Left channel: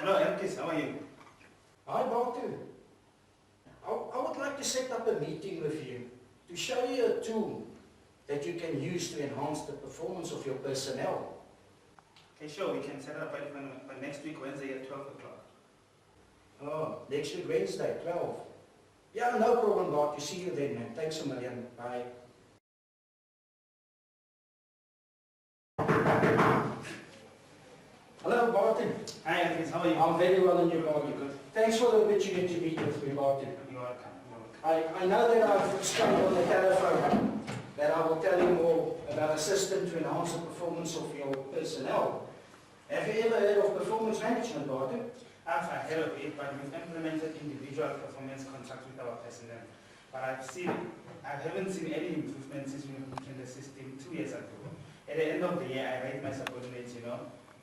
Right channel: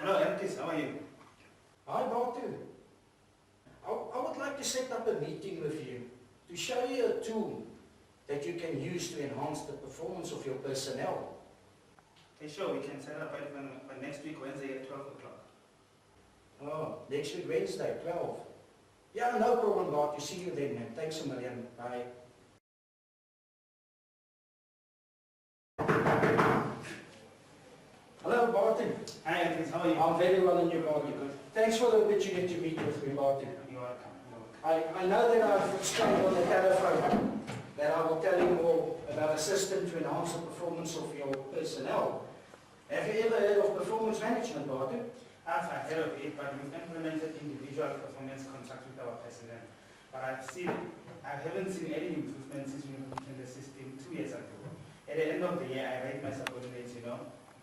Hello, Elkis, how are you? Hi, Batu. I would like to set up a meeting with you to show you a tool that you can use to enhance the performance of your personnel. Okay, sure, we can set up by next week, Wednesday at 12 o'clock. Oh, next week, Wednesday, 12. Yeah, no problem, Batu. See you then, man. Thanks a million. Bye. Hello, Batu. Hi, Elkis, how are you? I'm very well and you, Batu. Good. Thanks for the opportunity to meet with me, Batu. You're welcome. I know that I've explained on the telephone that I will tell you more about a system to enhance the performance of your personnel. Have you ever heard of performance management, Batu? I've heard of it, but we've implemented individual performance contracts with our personnel. But I haven't seen any improvements since we implemented the system 2 years ago. At the end of the year, I rate my subordinates,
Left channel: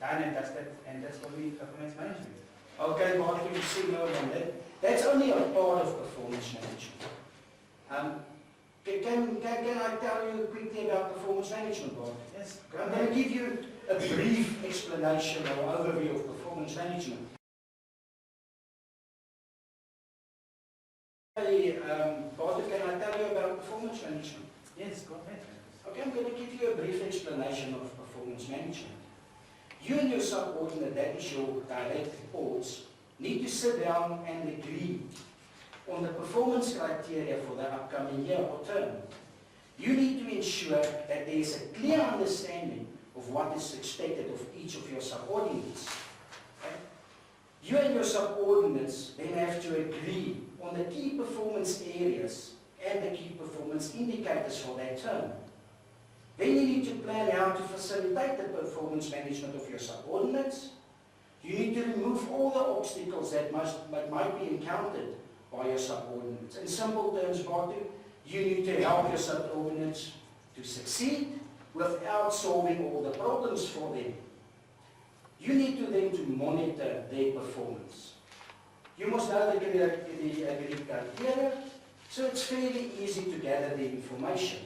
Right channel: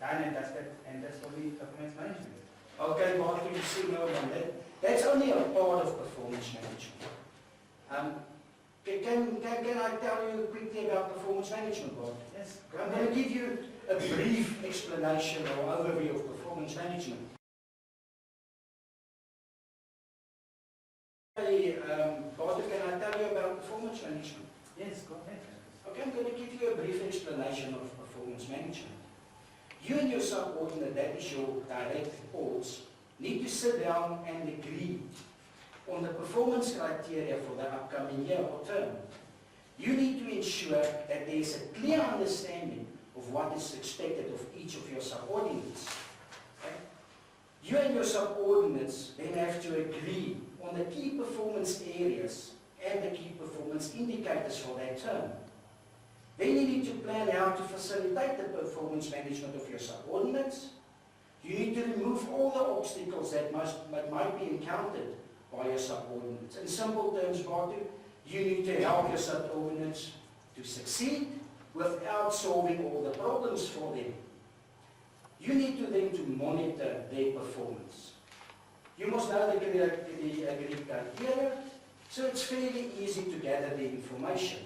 done and dusted, and that's only performance management. Okay, Batu, you see more than that. That's only a part of performance management. Can I tell you quickly about performance management, Batu? Yes. I'm going to give you a brief explanation or overview of performance management. Batu, can I tell you about performance management? Yes, go ahead. Okay, I'm going to give you a brief explanation of performance management. You and your subordinate, that is your direct reports, need to sit down and agree on the performance criteria for the upcoming year or term. You need to ensure that there is a clear understanding of what is expected of each of your subordinates. Okay? You and your subordinates then have to agree on the key performance areas and the key performance indicators for that term. Then you need to plan how to facilitate the performance management of your subordinates. You need to remove all the obstacles that might be encountered by your subordinates. In simple terms, Batu, you need to help your subordinates to succeed without solving all the problems for them. You need to then to monitor their performance. You must know the agreed criteria, so it's fairly easy to gather the information.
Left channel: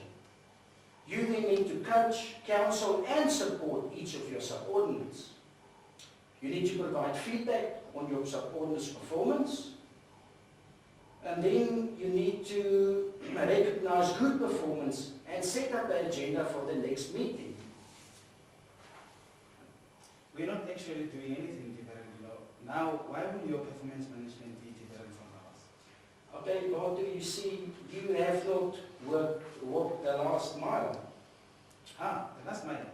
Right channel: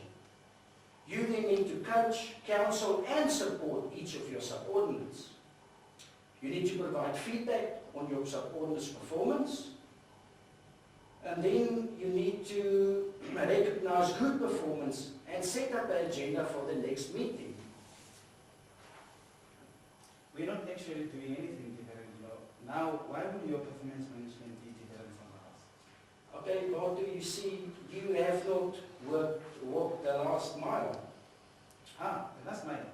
You then need to coach, counsel and support each of your subordinates. You need to provide feedback on your subordinates' performance. And then you need to recognize good performance and set up an agenda for the next meeting. We're not actually doing anything different, Now, why would your performance management be different from ours? Okay, Batu, you see, you have not walked the last mile. The last mile?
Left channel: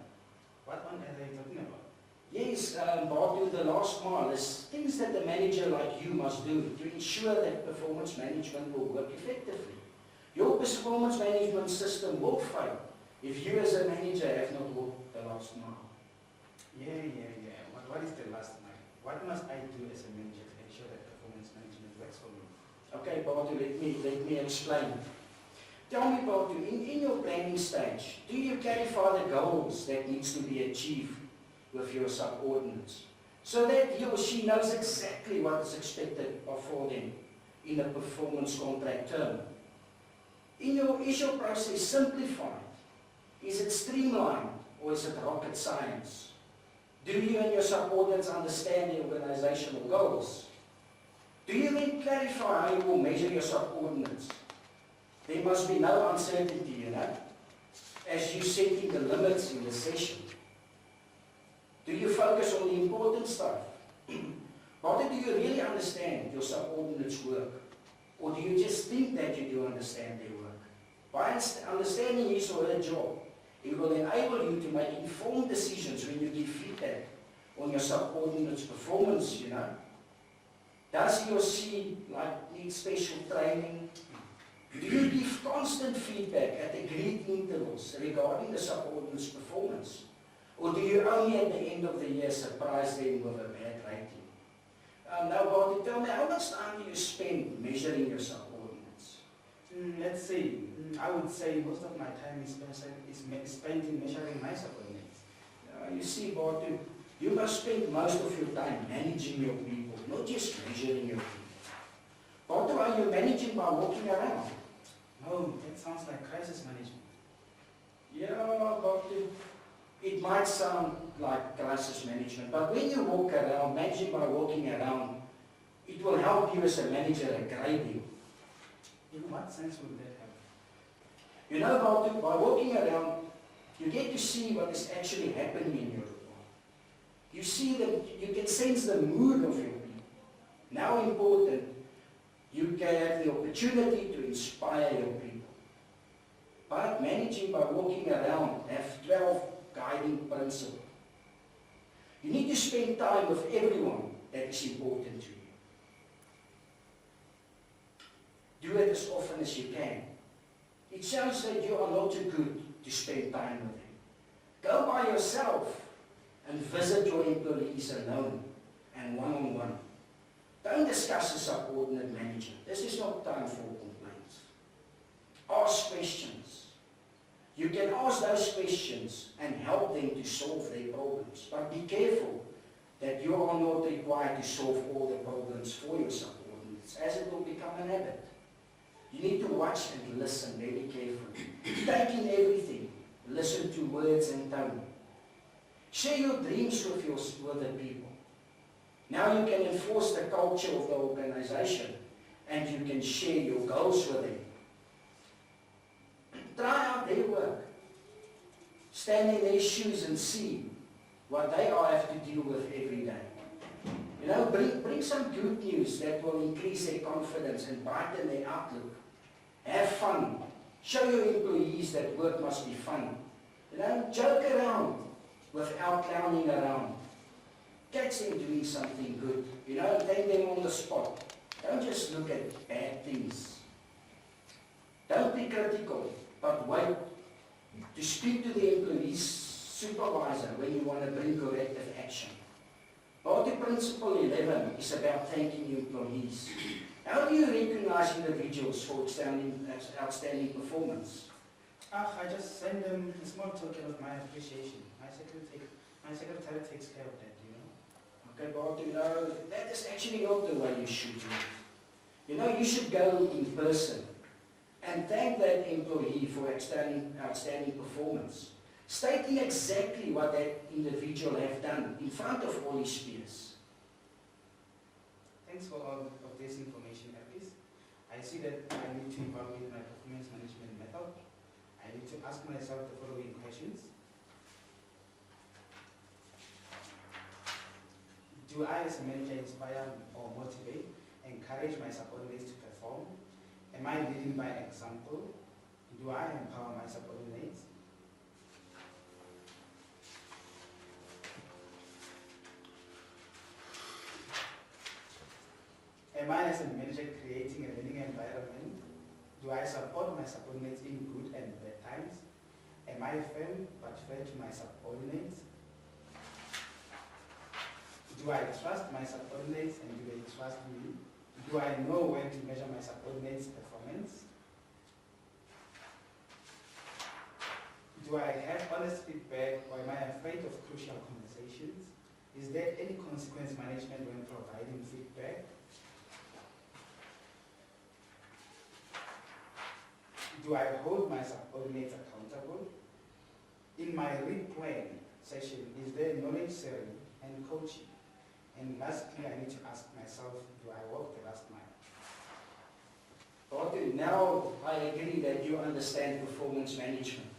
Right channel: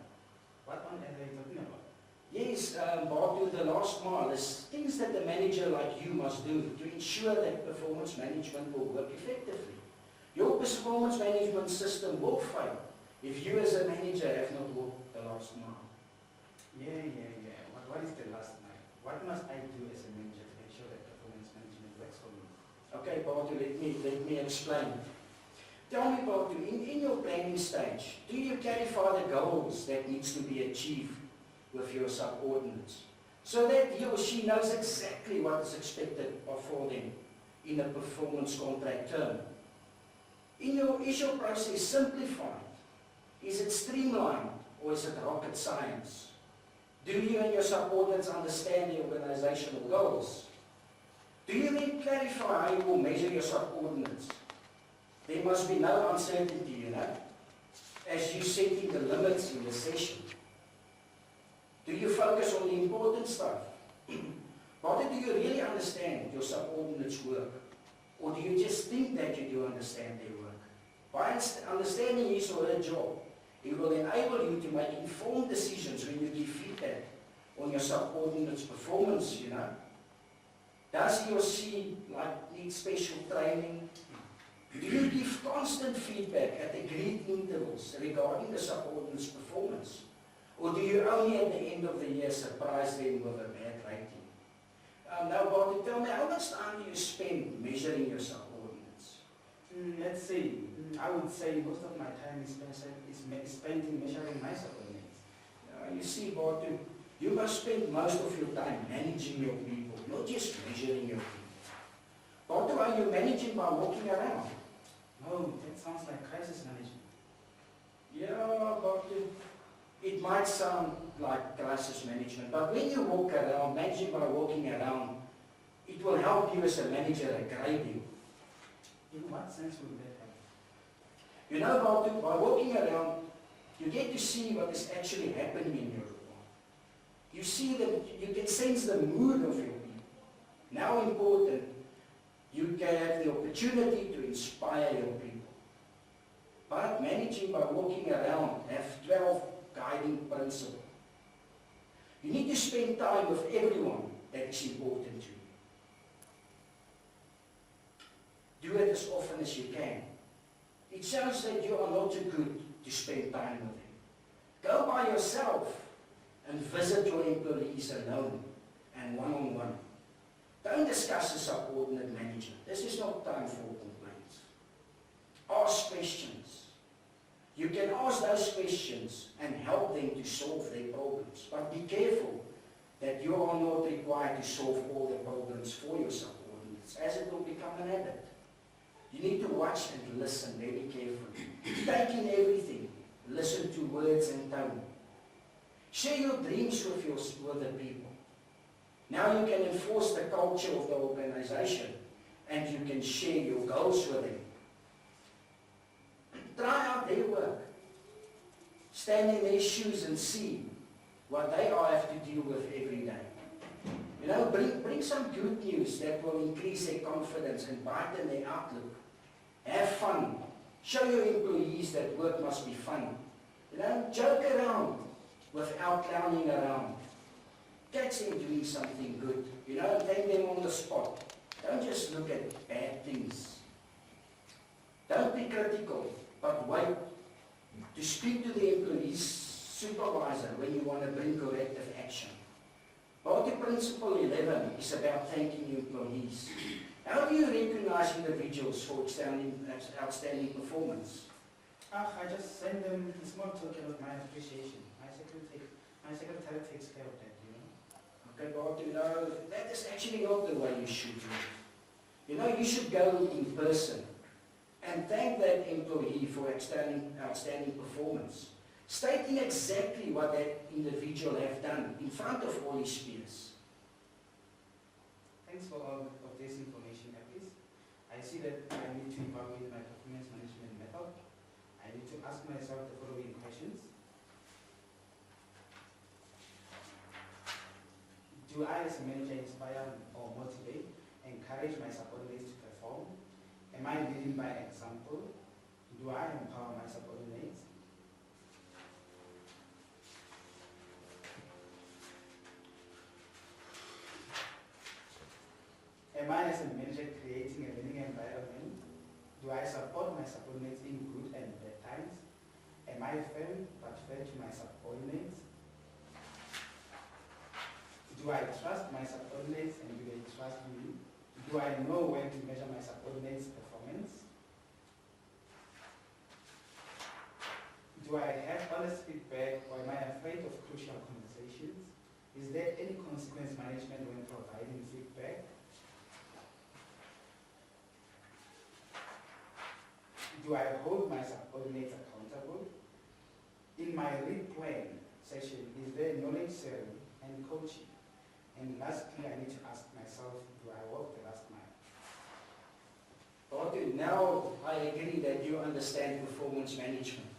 What on earth are you talking about? Yes, Batu, the last mile is things that the manager like you must do to ensure that performance management will work effectively. Your performance management system will fail if you as a manager have not walked the last mile. Yeah. What is the last mile? What must I do as a manager to ensure that performance management works for me? Okay, Batu, let me explain. Tell me, Batu, in your planning stage, do you clarify the goals that needs to be achieved with your subordinates so that he or she knows exactly what is expected for them in a performance contract term? Is your process simplified? Is it streamlined or is it rocket science? Do you and your subordinates understand the organizational goals? Do you then clarify how you will measure your subordinates? There must be no uncertainty, as you setting the limits in the session. Do you focus on the important stuff? But do you really understand your subordinates' work? Or do you just think that you do understand their work? By understanding his or her job, it will enable you to make informed decisions when you give feedback on your subordinates' performance, Does he or she need special training? Do you give constant feedback at agreed intervals regarding the subordinates' performance? Or do you only at the end of the year surprise them with a bad rating? Now, Batu, tell me, how much time do you spend measuring your subordinates? Let's see. I would say most of my time is spent in measuring my subordinates. You see, Batu, you must spend most of your time managing your people, not just measuring your people. Batu, are you managing by walking around? No, that sounds like crisis management. Yeah, Batu. It might sound like crisis management, but when you walk around, managing by walking around, it will help you as a manager a great deal. In what sense would that help? You know, by walking around, you get to see what is actually happening in your world. You see that you can sense the mood of your people. Now important, you can have the opportunity to inspire your people. But managing by walking around, have 12 guiding principles. You need to spend time with everyone that is important to you. Do it as often as you can. It shows that you are not too good to spend time with them. Go by yourself and visit your employees alone and one-on-one. Don't discuss a subordinate manager. This is not time for complaints. Ask questions. You can ask those questions and help them to solve their problems. But be careful that you are not required to solve all the problems for your subordinates, as it will become an habit. You need to watch and listen very carefully. Take in everything. Listen to words and tone. Share your dreams with the people. Now you can enforce the culture of the organization and you can share your goals with them. Try out their work. Stand in their shoes and see what they all have to deal with every day. You know, bring some good news that will increase their confidence and brighten their outlook. Have fun. Show your employees that work must be fun. You know, joke around without clowning around. Catch them doing something good. You know, take them on the spot. Don't just look at bad things. Don't be critical, but wait to speak to the employee's supervisor when you want to bring corrective action. Party Principle 11 is about thanking employees. How do you recognize individuals for outstanding performance? I just send them a small token of my appreciation. My secretary takes care of that, you know. Okay, but you know, that is actually not the way you should do it. You know, you should go in person and thank that employee for outstanding performance, stating exactly what that individual have done in front of all his peers. Thanks for all of this information, Apis. I see that I need to evaluate my performance management method. I need to ask myself the following questions. Do I as a manager inspire or motivate, encourage my subordinates to perform? Am I leading by example? Do I empower my subordinates? Am I as a manager creating a learning environment? Do I support my subordinates in good and bad times? Am I firm but fair to my subordinates? Do I trust my subordinates and do they trust me? Do I know when to measure my subordinates' performance? Do I have honest feedback or am I afraid of crucial conversations? Is there any consequence management when providing feedback? Do I hold my subordinates accountable? In my read plan session, is there knowledge sharing and coaching? And lastly, I need to ask myself, do I walk the last mile? Okay, now I agree that you understand performance management.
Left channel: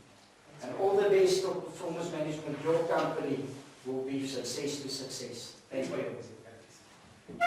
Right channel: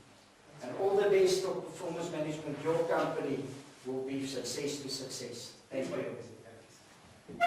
And all the best of performance management, your company will be success to success. Thank you.